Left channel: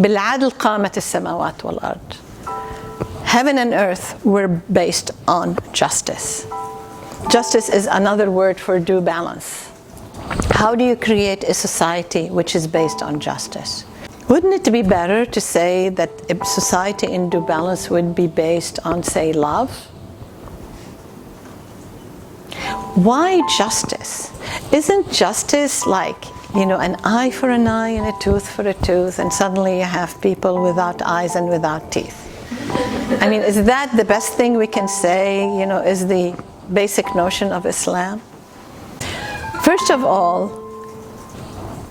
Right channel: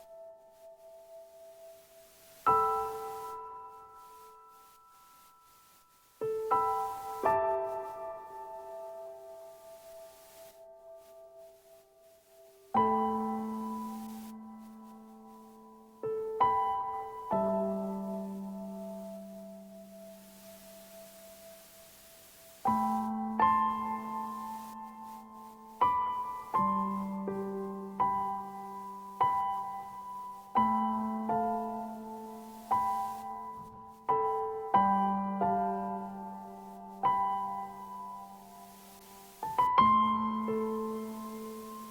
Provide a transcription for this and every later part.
بالعدل قامت السماوات والأرض. Heaven and earth were based on justice. Justice is another word for due balance. How do you create a society which is based on justice? Wouldn't it be better to say that a society in due balance would be based on, say, love? Why justice? Isn't justice like, an eye for an eye and a tooth for a tooth, and suddenly you have people without eyes and without teeth? I mean, is that the best thing we can say, is the basic notion of Islam? First of all,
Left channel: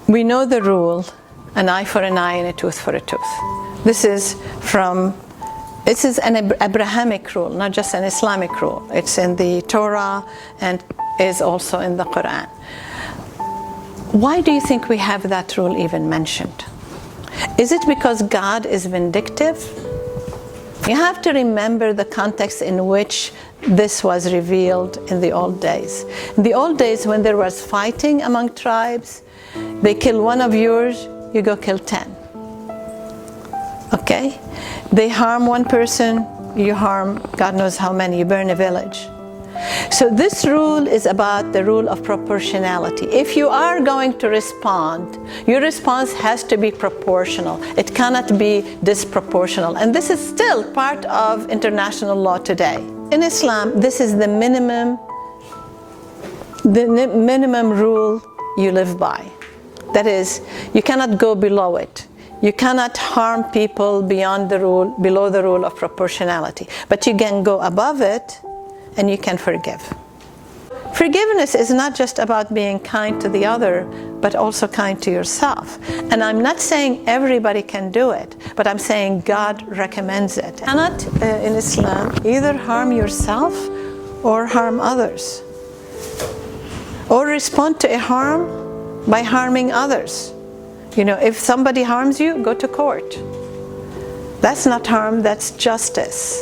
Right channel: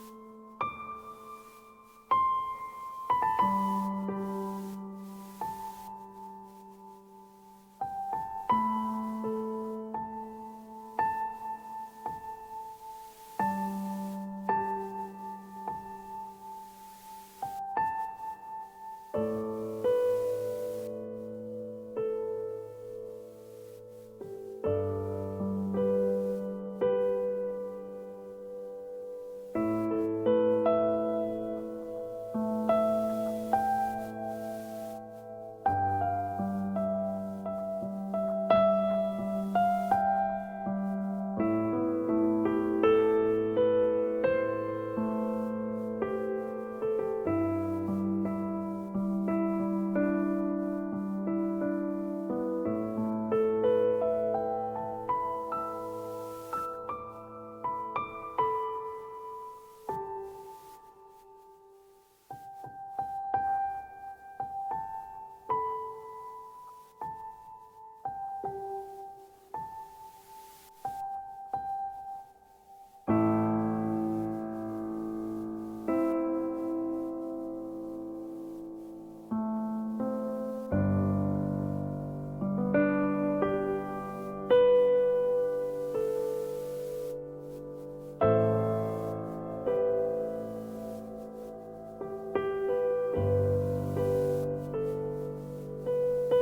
we know the rule, an eye for an eye and a tooth for a tooth. This is an Abrahamic rule, not just an Islamic rule. It's in the Torah and is also in the Quran. Why do you think we have that rule even mentioned? Is it because God is vindictive? You have to remember the context in which this was revealed in the old days. In the old days, when there was fighting among tribes, they kill one of yours, you go kill 10. Okay? They harm one person, you harm God knows how many, you burn a village. So this rule is about the rule of proportionality. If you are going to respond, your response has to be proportional. It cannot be disproportional. And this is still part of international law today. In Islam, this is the minimum rule you live by. That is, you cannot go below it. You cannot harm people beyond the rule, below the rule of proportionality. But you can go above it, and you can forgive. Forgiveness is not just about being kind to the other, but also kind to yourself. And I'm not saying everybody can do it, but I'm saying God recommends it. You cannot, in Islam, either harm yourself or harm others, or respond to a harm by harming others. If somebody harms you, go to court. That's not harm, that's justice.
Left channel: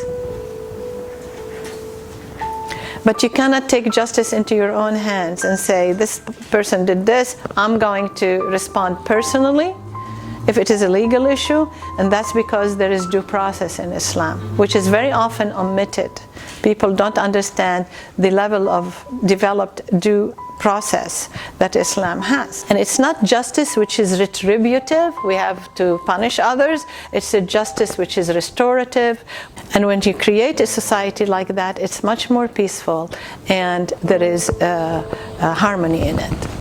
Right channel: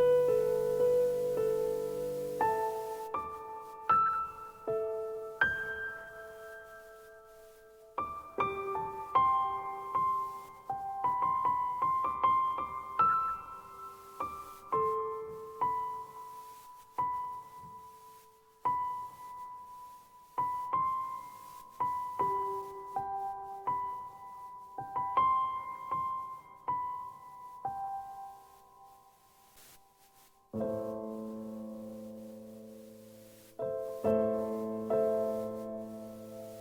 But you cannot take justice into your own hands and say, this person did this, I'm going to respond personally if it is a legal issue, and that's because there is due process in Islam, which is very often omitted. People don't understand the level of developed due process that Islam has. And it's not justice which is retributive, we have to punish others, it's a justice which is restorative. And when you create a society like that, it's much more peaceful and there is harmony in it.